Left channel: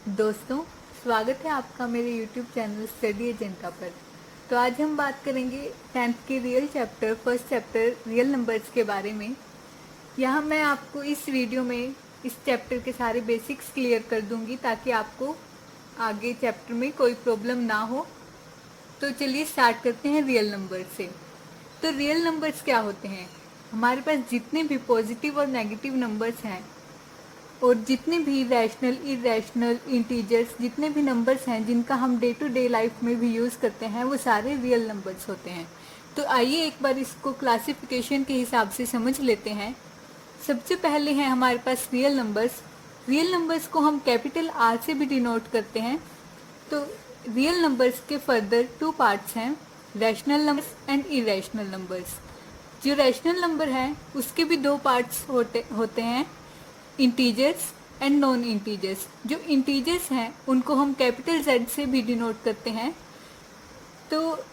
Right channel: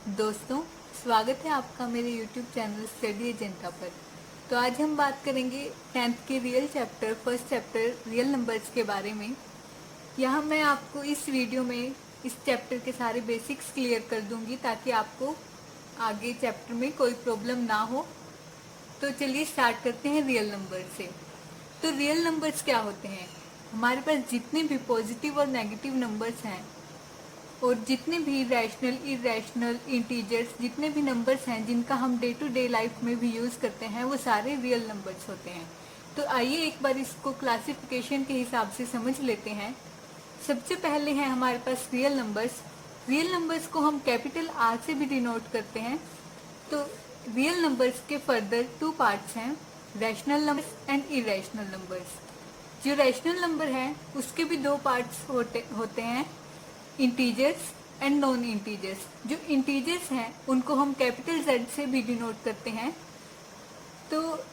दोस्तों, स्वागत है आपका मेरे YouTube चैनल स्टडी एजेंडा पर। तो आज हम बात करेंगे 10th के real chapter first chapter real numbers के बारे में। यहाँ मैं आपको इस वीडियो में इस चैप्टर के सारे बेसिक्स क्लियर कर दूंगी ताकि आपको आगे चैप्टर में कोई प्रॉब्लम ना हो। तो चलिए स्टार्ट करते हैं रियल नंबर से। तो रियल नंबर्स क्या होते हैं? हमारे पास जितने भी पॉजिटिव और नेगेटिव नंबर्स हैं और जितने भी रैशनल, इरेशनल, इंटीजर्स, जितने भी नंबर्स हैं जिनका हम डे टू डे लाइफ में भी यूज़ करते हैं, वो सारे रियल नंबर्स होते हैं। तो आइए एक बार इसको क्लासिफिकेशन के हिसाब से समझ लेते हैं। सबसे पहले है हमारे पास रियल नंबर्स। रियल नंबर्स को हम कैपिटल आर से भी डिनोट करते हैं। तो रियल नंबर्स के फर्दर टू पार्ट्स हैं, rational numbers and irrational numbers. जो रैशनल नंबर है उसके भी दो पार्ट्स होते हैं, इंटीजर्स एंड नॉन इंटीजर्स। जो इंटीजर्स हैं उनको हम कैपिटल जेड से भी डिनोट करते हैं। तो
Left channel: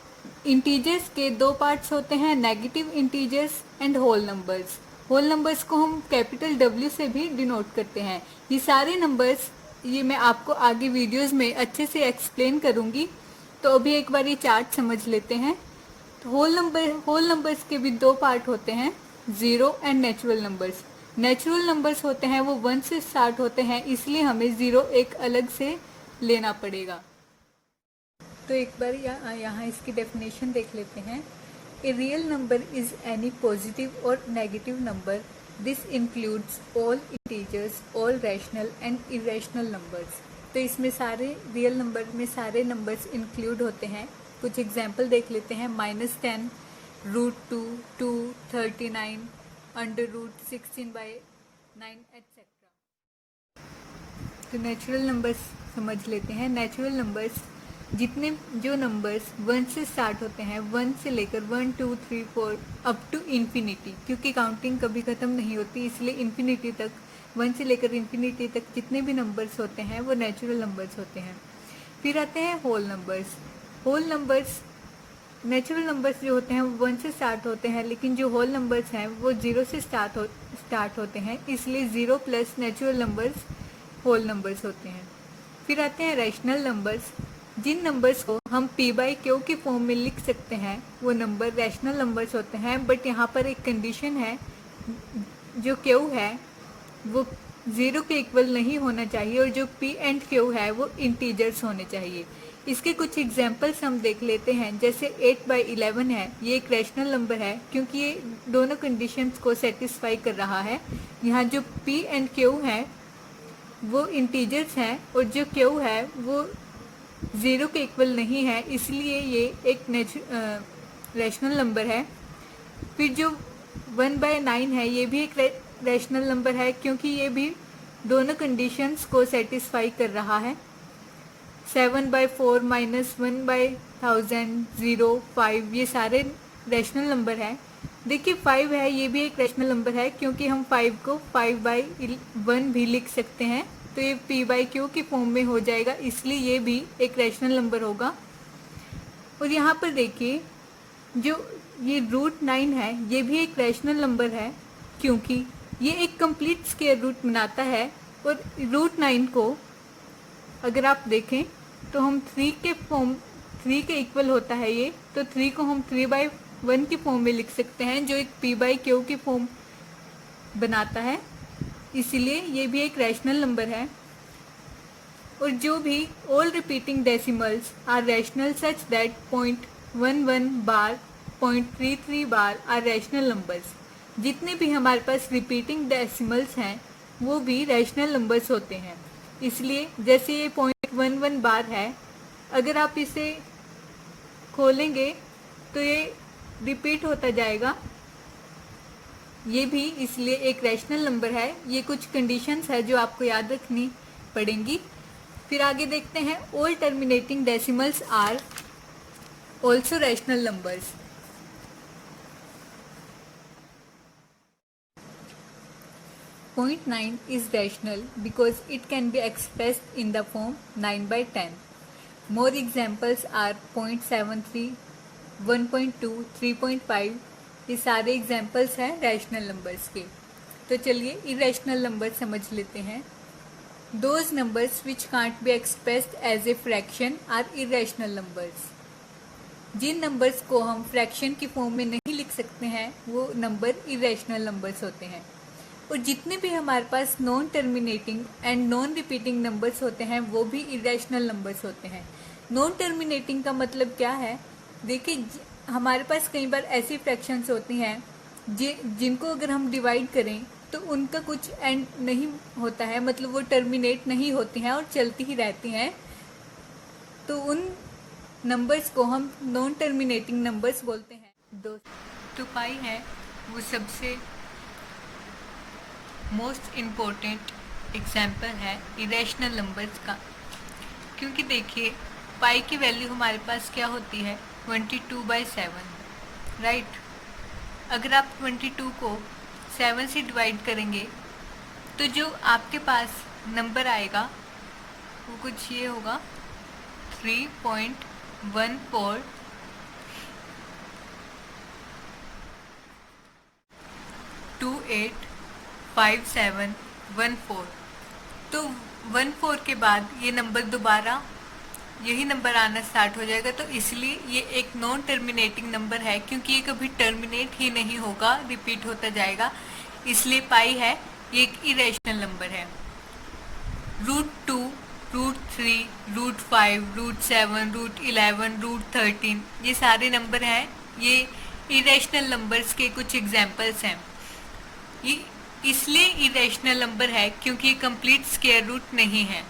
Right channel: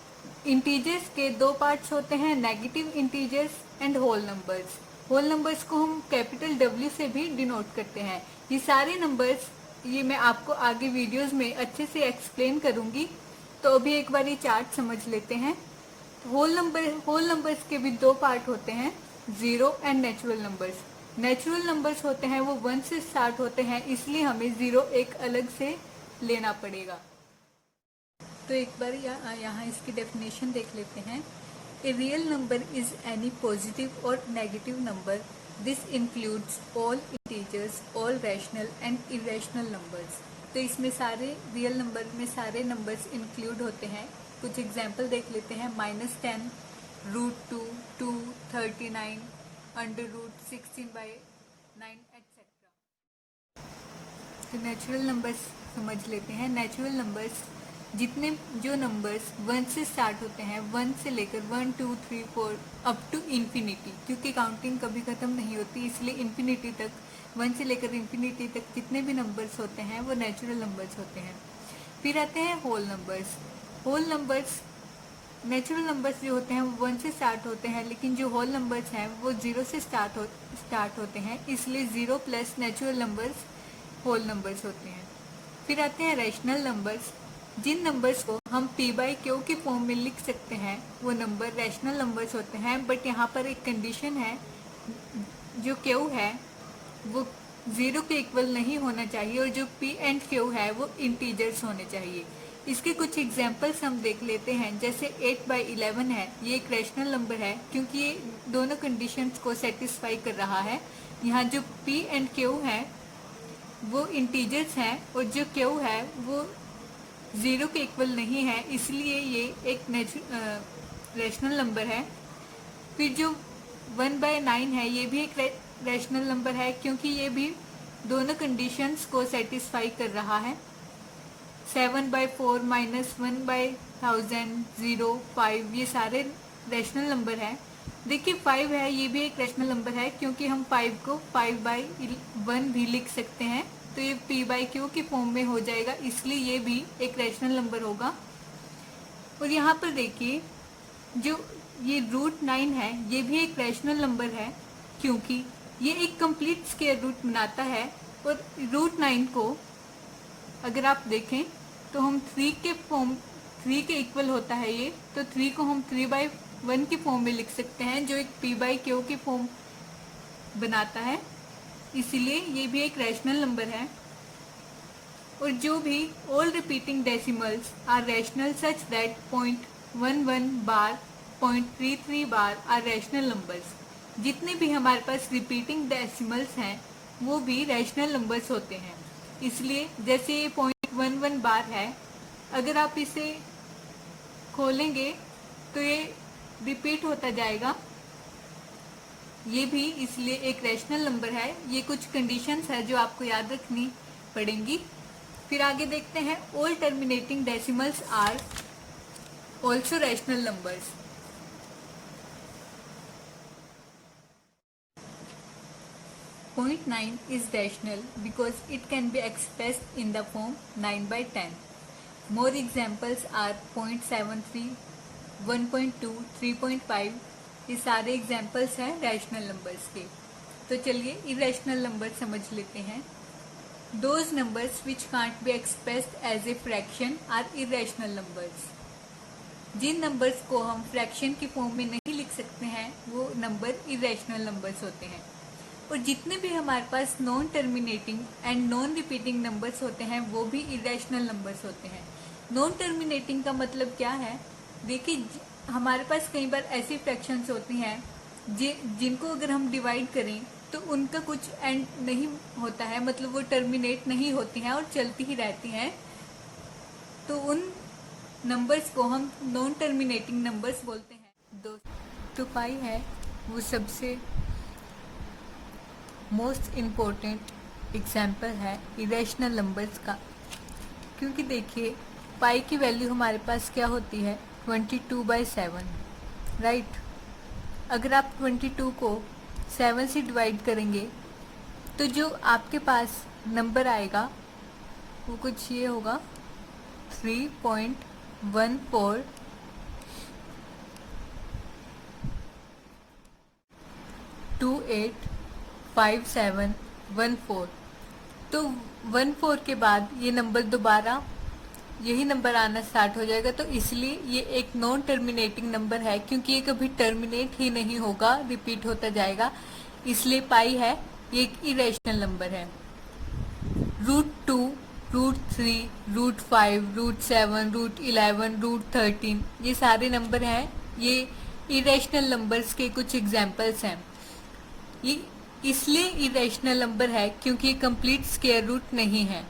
इंटीजर्स के दो पार्ट्स होते हैं, negative integers and whole numbers. Whole numbers को हम कैपिटल डब्ल्यू से भी डिनोट करते हैं। ये सारे नंबर्स ये मैं आपको आगे वीडियोस में अच्छे से एक्सप्लेन करूंगी। तो अभी एक बार ये चार्ट समझ लेते हैं। तो होल नंबर्स के भी दो पार्ट होते हैं, zero and natural numbers. Natural numbers होते हैं वो 1 से स्टार्ट होते हैं, इसलिए हमें जीरो एक अलग से लेना पड़ेगा। तो एक बार यहाँ इसकी डेफिनेशन देख लेते हैं। A real number is any positive और negative number. This includes all integers, all rational and irrational numbers. तो इसमें सारे रियल नंबर में सारे नंबर्स इंक्लूड होते हैं। कुछ एग्जाम्पल देख लेते हैं। -10, √2, 2, 39, √16/9 etc। तो नेचुरल नंबर्स समझ लेते हैं। नेचुरल नंबर्स जितने जो नंबर्स 1 से स्टार्ट होते हैं, 1 से लेकर 1, 2, 3, 4 अप टू इन्फिनिटी, क्योंकि काउंटिंग कभी खत्म नहीं होती, इसलिए इन्फिनिटी तक, 1 से लेकर इन्फिनिटी तक जितने भी नंबर्स होते हैं वो नेचुरल नंबर्स होते हैं। फिर आते हैं whole numbers. Whole numbers, natural numbers जो होते हैं वो 1 से स्टार्ट होते हैं, लेकिन जो होल नंबर्स हैं वो 0 से स्टार्ट होते हैं, इसलिए 0 plus natural numbers whole numbers होते हैं। फिर आते हैं रैशनल नंबर्स। जिन नंबर्स को हम p/q की फॉर्म में लिख सकते हैं वो नंबर रैशनल नंबर्स होते हैं। बट यहाँ पर एक कंडीशन है, जो q है वो 0 के इक्वल नहीं होना चाहिए और जो p एंड q है वो इंटीजर्स होने चाहिए। इसके कुछ एग्जाम्पल्स हम देख लेते हैं। जैसे 8/11 है, ये एक रैशनल नंबर है क्योंकि ये दोनों कंडीशंस को सेटिस्फाई कर रहा है। यहाँ जो p एंड q है वो इंटीजर्स हैं और जो q है वो 0 के इक्वल नहीं है, इसलिए ये एक रैशनल नंबर है। फिर जो 1/9 है ये भी एक रैशनल नंबर है क्योंकि ये भी दोनों कंडीशंस को सेटिस्फाई कर रहा है। 7/4, -1/1000, 0, 5 ये सारे रैशनल नंबर हैं। देखिए 5 है, ये भी एक रैशनल नंबर है क्योंकि हम 5 को 5/1 भी लिख सकते हैं, तो ये p/q की फॉर्म में हो जाएगा, इसलिए ये भी एक रैशनल नंबर होगा। और यहाँ पर देखिए जो ये √9 है ये भी एक रैशनल नंबर है क्योंकि ये एक कंप्लीट स्क्वायर रूट बनाता है। और √9 को अगर आप देखें तो हम 3 के इक्वल होता है ये, तो 3 को हम 3/1 की फॉर्म में लिख सकते हैं जो एक p/q की फॉर्म बनाता है, इसलिए ये भी एक रैशनल नंबर है। और जो भी all repeating decimals are rational such that 0.11 bar, 0.33 bar are rational numbers. जितने भी हमारे पास रिपीटिंग डेसिमल्स हैं वो भी रैशनल नंबर्स होते हैं। इसलिए जैसे ये 0.11 बार है, अगर आप इसे खोलेंगे तो ये रिपीट होता जाएगा, ये भी इसलिए एक रैशनल नंबर है। ये कुछ कंडीशंस है जो आपको याद रखनी पड़ेंगी। फिर आगे देखते हैं, all terminating decimals are also rational numbers. .9 is rational because it can be expressed in the form 9/10. More examples are 0.73, 1.2, 3.5। ये सारे एग्जाम्पल्स हैं रैशनल नंबर्स के। तो चलिए इरेशनल नंबर समझ लेते हैं। Those numbers which can't be expressed as a fraction are irrational numbers. जिन नंबर्स को हम फ्रैक्शन की फॉर्म में नहीं लिख सकते हैं वो नंबर इरेशनल नंबर्स होते हैं। और जितने भी हमारे पास non terminating and non repeating numbers होते हैं वो भी इरेशनल नंबर्स होते हैं। नॉन टर्मिनेटिंग का मतलब क्या है? देखिए, हमारे पास कई बार ऐसी फ्रैक्शंस होती हैं जिनको अगर हम डिवाइड करें तो उनका कुछ एंड नहीं होता है, मतलब वो टर्मिनेट नहीं होती हैं और चलती ही रहती हैं, तो उन नंबर्स को हम नॉन टर्मिनेटिंग नंबर्स बोलते हैं। तो पाई है वो सबसे मोस्ट इम्पोर्टेंट एग्जाम्पल है इरेशनल नंबर्स का, क्योंकि देखिए पाई की वैल्यू हमारे पास क्या होती है 22/7, राइट। अगर आप 22 को 7 से डिवाइड करेंगे तो जो आपके पास नंबर आएगा वो कुछ ये होगा 3.14285714। तो 14 के बाद ये नंबर दोबारा यही नंबर आना स्टार्ट हो जाएगा, तो इसलिए ये एक नॉन टर्मिनेटिंग नंबर है, क्योंकि ये कभी टर्मिनेट ही नहीं होगा, रिपीट होता जाएगा, इसलिए पाई है ये एक इरेशनल नंबर है। √2, √3, √5, √7, √11, √13 ये सारे नंबर हैं, ये इरेशनल नंबर्स के कुछ एग्जाम्पल्स हैं। ये इसलिए इरेशनल नंबर है क्योंकि ये कंप्लीट स्क्वायर रूट नहीं है।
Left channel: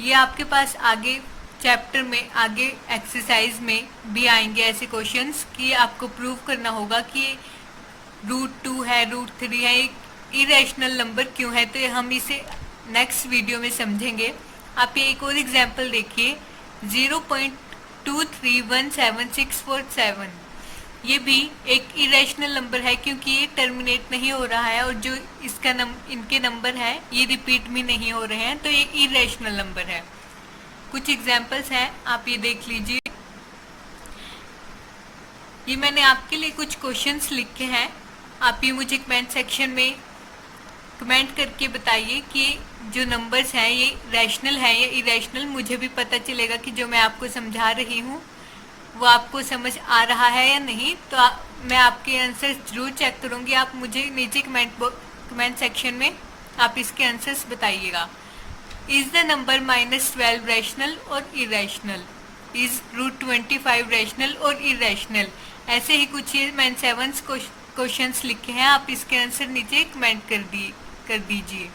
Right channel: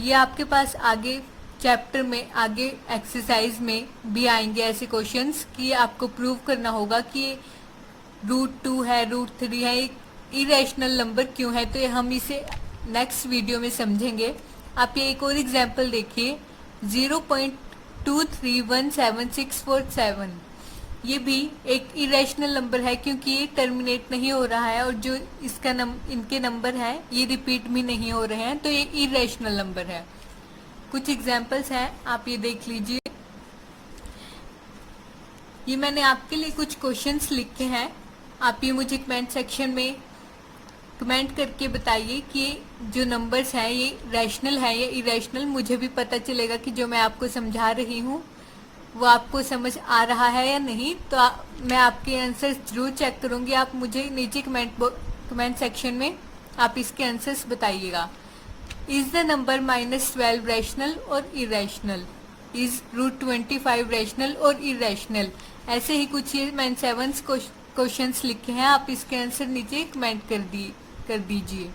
ये आपके पास आगे चैप्टर में, आगे एक्सरसाइज में भी आएंगे ऐसे क्वेश्चंस कि आपको प्रूव करना होगा कि √2 है, √3 है, एक इरेशनल नंबर क्यों है। तो हम इसे नेक्स्ट वीडियो में समझेंगे। आप ये एक और एग्जांपल देखिए 0.2317647, ये भी एक इरेशनल नंबर है क्योंकि ये टर्मिनेट नहीं हो रहा है और जो इसका इनके नंबर हैं ये रिपीट भी नहीं हो रहे हैं, तो ये इरेशनल नंबर है। कुछ एग्जांपल्स हैं, आप ये देख लीजिए। ये मैंने आपके लिए कुछ क्वेश्चंस लिखे हैं, आप ये मुझे कमेंट सेक्शन में कमेंट करके बताइए कि जो नंबर्स हैं ये रैशनल है या इरेशनल। मुझे भी पता चलेगा कि जो मैं आपको समझा रही हूँ वो आपको समझ आ रहा है या नहीं। तो मैं आपके आंसर जरूर चेक करूँगी। आप मुझे नीचे कमेंट सेक्शन में आप इसके आंसर्स बताइएगा। इज द नंबर -12 रैशनल और इरेशनल? इज √25 रैशनल और इरेशनल? ऐसे ही कुछ ये मैंने 7 क्वेश्चंस लिखे हैं, आप इसके आंसर नीचे कमेंट कर दीजिए।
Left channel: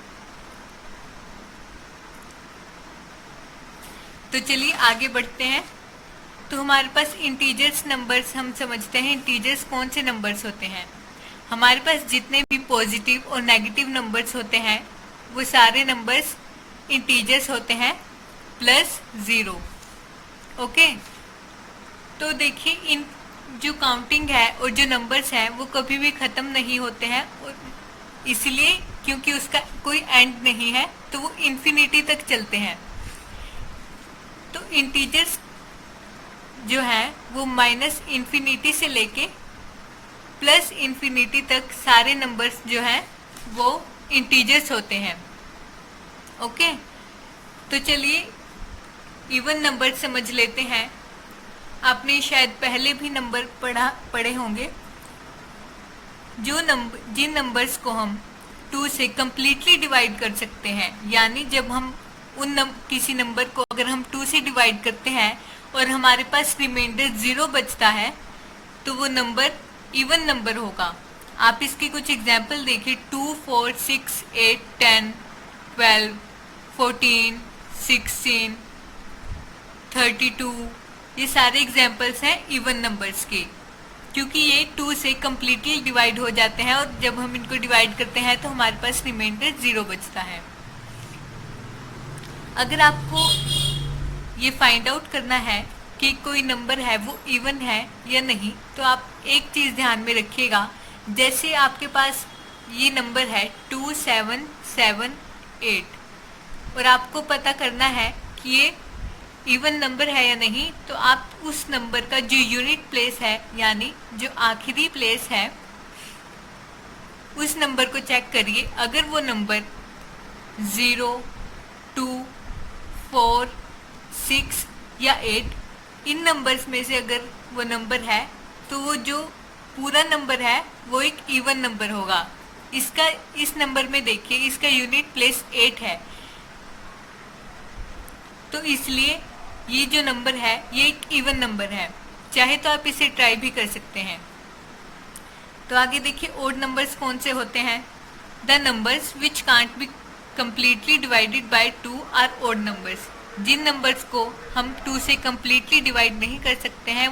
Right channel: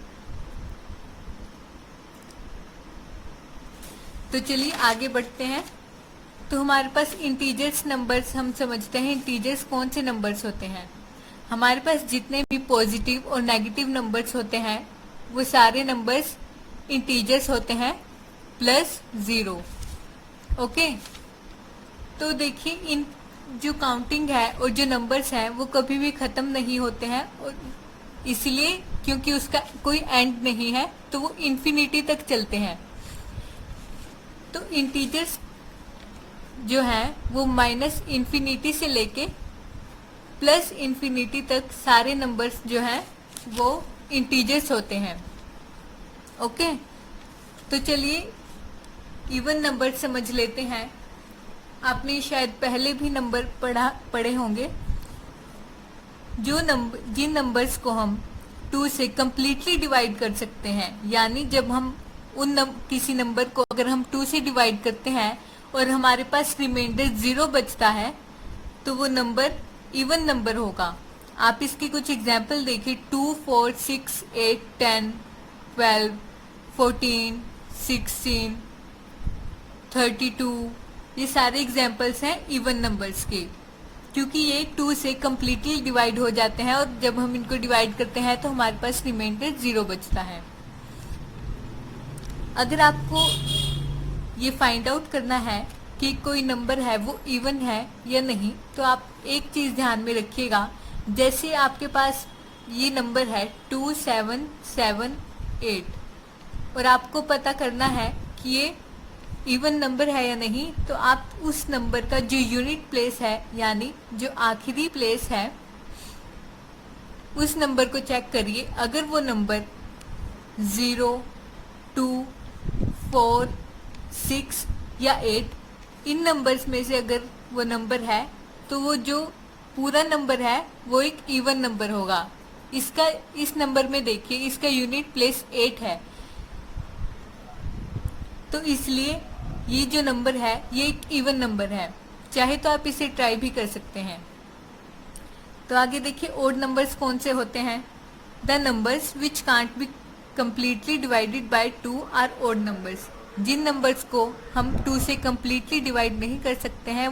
तो चलिए आगे बढ़ते हैं। तो हमारे पास इंटीजर्स नंबर्स, हम समझते हैं इंटीजर्स कौन से नंबर्स होते हैं। हमारे पास जितने भी पॉजिटिव और नेगेटिव नंबर्स होते हैं वो सारे नंबर्स इंटीजर्स होते हैं +0। ओके, तो देखिए इन जो काउंटिंग है और जो नंबर्स हैं वो कभी भी ख़त्म नहीं होते हैं, और इसलिए क्योंकि उसका कोई एंड नहीं है तो वो इन्फिनिटी तक चलते हैं। तो इंटीजर्स जो है वो -∞ से लेके +∞ तक सारे नंबर्स जो हैं वो इंटीजर्स होते हैं। ओके, तो चलिए इवन नंबर समझ लेते हैं। आपने शायद पहले भी नंबर पढ़े होंगे। जिन नंबर्स को हम 2 से कम्प्लीटली डिवाइड कर सकते हैं, यानी जब हम किसी नंबर को अगर हम 2 से डिवाइड करते हैं और हमारे पास रिमाइंडर 0 बचता है तो वो नंबर इवन नंबर होगा। आप इसके कुछ एग्जाम्पल देखिए 2, 4, 6, 8, 10, 12, 14, 16, 32, ये सारे एग्जाम्पल्स हैं इवन नंबर्स के, क्योंकि ये 2 से कम्प्लीटली डिवाइड हो जाते हैं और जब हम इनको डिवाइड करते हैं तो हमारे पास रिमाइंडर 0 बचता है। अगर आपको ये फाइंड आउट करना है कि कोई नंबर है वो इवन है या नहीं, तो आप एक चीज़ ध्यान में रखिएगा। जैसे आपके पास ये नंबर है 2778 और आपको पता करना है कि ये इवन नंबर है या नहीं, तो आप उस नंबर का जो यूनिट प्लेस है यानी जो आखिरी प्लेस है उस नंबर को चेक करिए। अगर वो नंबर 0, 2, 4, 6 या 8, इन नंबर्स में से अगर वो नंबर है तो वो जो पूरा नंबर है वो एक इवन नंबर होगा। इसका इस नंबर में देखिए इसका यूनिट प्लेस 8 है, तो इसलिए ये जो नंबर है ये एक इवन नंबर है। चाहे तो आप इसे ट्राई भी कर सकते हैं। तो आगे देखिए ओड नंबर्स कौन से होते हैं। The numbers which can't be completely divided by 2 are odd numbers. जिन नंबर्स को हम 2 से completely डिवाइड नहीं कर सकते हैं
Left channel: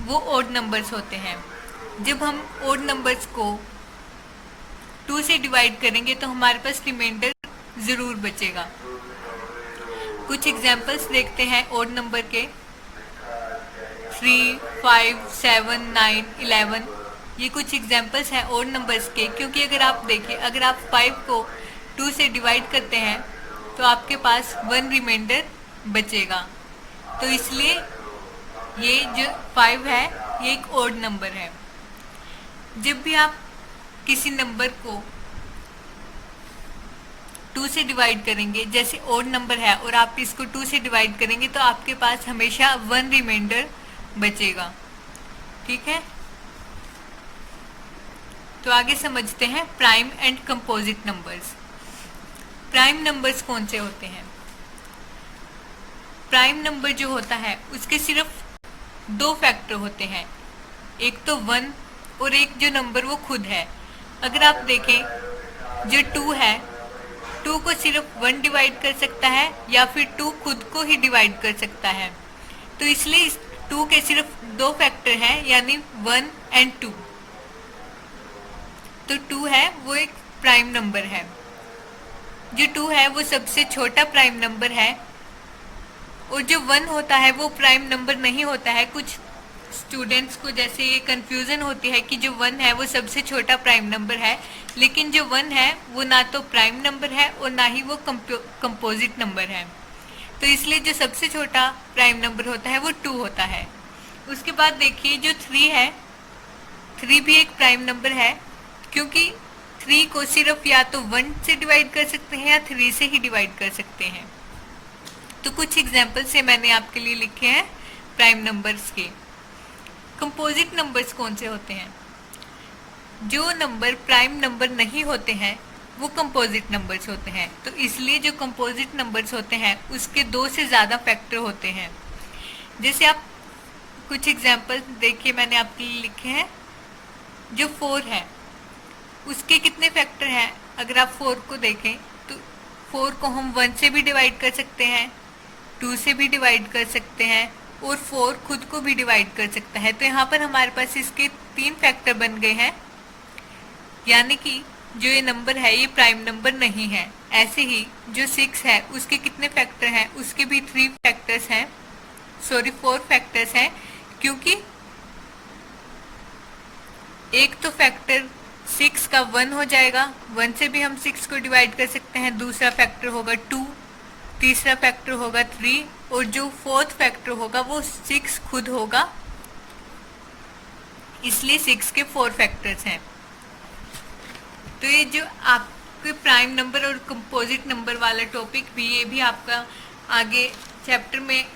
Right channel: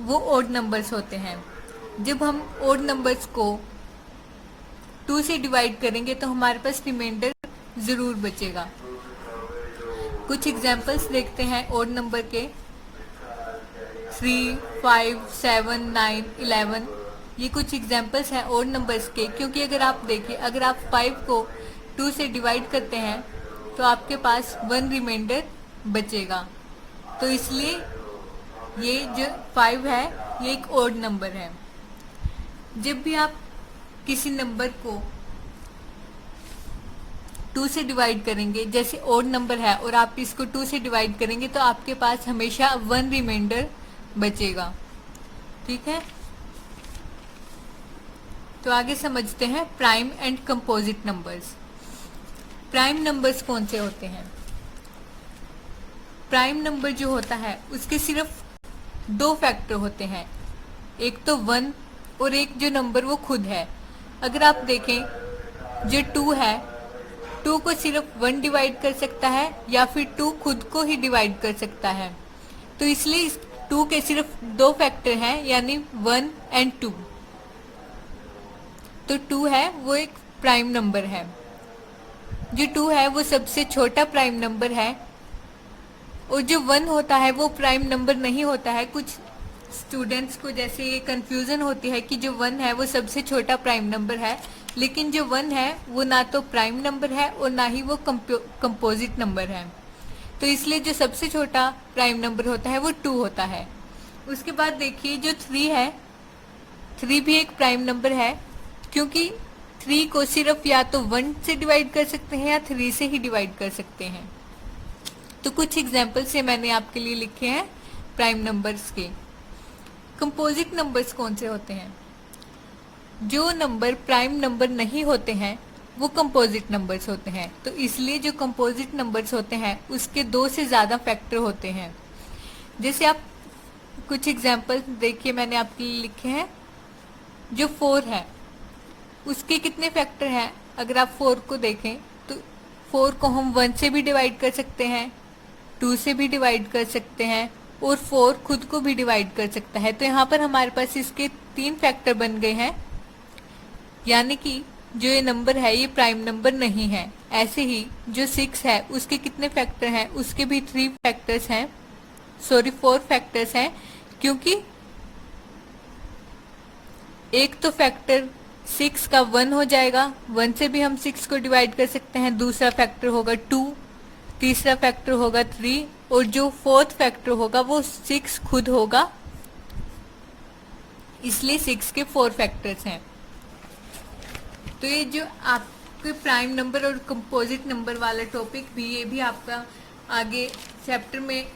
वो ओड नंबर्स होते हैं। जब हम ओड नंबर्स को 2 से डिवाइड करेंगे तो हमारे पास रिमाइंडर ज़रूर बचेगा। कुछ एग्जाम्पल्स देखते हैं ओड नंबर के। 3, 5, 7, 9, 11, ये कुछ एग्जाम्पल्स हैं ओड नंबर्स के। क्योंकि अगर आप देखिए अगर आप 5 को 2 से डिवाइड करते हैं तो आपके पास 1 रिमाइंडर बचेगा। तो इसलिए ये जो 5 है ये एक ओड नंबर है। जब भी आप किसी नंबर को 2 से डिवाइड करेंगे, जैसे ओड नंबर है और आप इसको 2 से डिवाइड करेंगे तो आपके पास हमेशा 1 रिमाइंडर बचेगा। ठीक है, तो आगे समझते हैं prime and composite numbers. Prime numbers कौन से होते हैं। प्राइम नंबर जो होता है उसके सिर्फ 2 फैक्टर होते हैं, एक तो 1 और एक जो नंबर वो खुद है। अगर आप देखें जो 2 है, 2 को सिर्फ 1 डिवाइड कर सकता है या फिर 2 खुद को ही डिवाइड कर सकता है। तो इसलिए इस 2 के सिर्फ 2 फैक्टर हैं, यानी 1 एंड 2। तो 2 है वो एक प्राइम नंबर है। जो 2 है वो सबसे छोटा प्राइम नंबर है, और जो 1 होता है वो प्राइम नंबर नहीं होता है। कुछ स्टूडेंट्स को जैसे ये कंफ्यूजन होती है कि जो 1 है वो सबसे छोटा प्राइम नंबर है, लेकिन जो 1 है वो ना तो प्राइम नंबर है और ना ही वो कंपोजिट नंबर है। तो इसलिए जो सबसे छोटा प्राइम नंबर होता है वो 2 होता है। उसके बाद देखिए जो 3 है, 3 भी एक प्राइम नंबर है, क्योंकि 3 को सिर्फ या तो 1 से डिवाइड कर सकते हैं या 3 से ही डिवाइड कर सकते हैं। तो कुछ एग्जाम्पल से मैंने आपके लिए लिखे हैं प्राइम नंबर्स के। कंपोजिट नंबर्स कौन से होते हैं। जो नंबर प्राइम नंबर नहीं होते हैं वो कंपोजिट नंबर्स होते हैं। तो इसलिए जो कंपोजिट नंबर्स होते हैं उसके 2 से ज़्यादा फैक्टर होते हैं। जैसे आप कुछ एग्जाम्पल देखिए मैंने आपके लिए लिखे हैं। जो 4 है उसके कितने फैक्टर हैं। अगर आप 4 को देखें तो 4 को हम 1 से भी डिवाइड कर सकते हैं, 2 से भी डिवाइड कर सकते हैं और 4 खुद को भी डिवाइड कर सकता है। तो यहाँ पर हमारे पास इसके 3 फैक्टर बन गए हैं, यानी कि जो ये नंबर है ये प्राइम नंबर नहीं है। ऐसे ही जो 6 है उसके कितने फैक्टर हैं, उसके भी 3 फैक्टर्स हैं, 4 फैक्टर्स हैं, क्योंकि एक तो फैक्टर 6 का 1 हो जाएगा, 1 से भी हम 6 को डिवाइड कर सकते हैं। दूसरा फैक्टर होगा 2, तीसरा फैक्टर होगा 3 और जो 4th फैक्टर होगा वो 6 खुद होगा, इसलिए 6 के 4 फैक्टर्स हैं। तो ये जो आपके प्राइम नंबर और कंपोजिट नंबर वाला टॉपिक भी ये भी आपका आगे चैप्टर में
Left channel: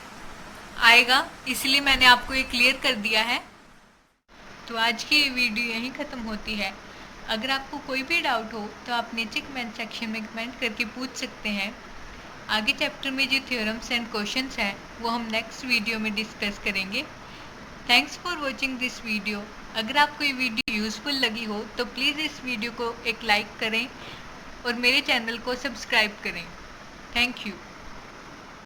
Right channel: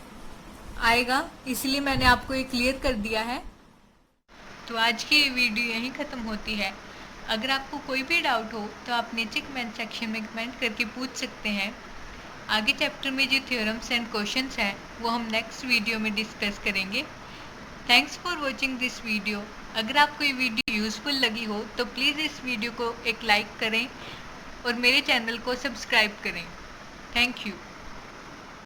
आएगा, इसलिए मैंने आपको ये क्लियर कर दिया है। तो आज की ये वीडियो यहीं ख़त्म होती है। अगर आपको कोई भी डाउट हो तो आप नीचे कमेंट सेक्शन में कमेंट करके पूछ सकते हैं। आगे चैप्टर में जो थ्योरम्स एंड क्वेश्चंस हैं वो हम नेक्स्ट वीडियो में डिस्कस करेंगे। Thanks for watching this video. अगर आपको ये वीडियो यूज़फुल लगी हो तो प्लीज़ इस वीडियो को एक लाइक करें और मेरे चैनल को सब्सक्राइब करें। Thank you.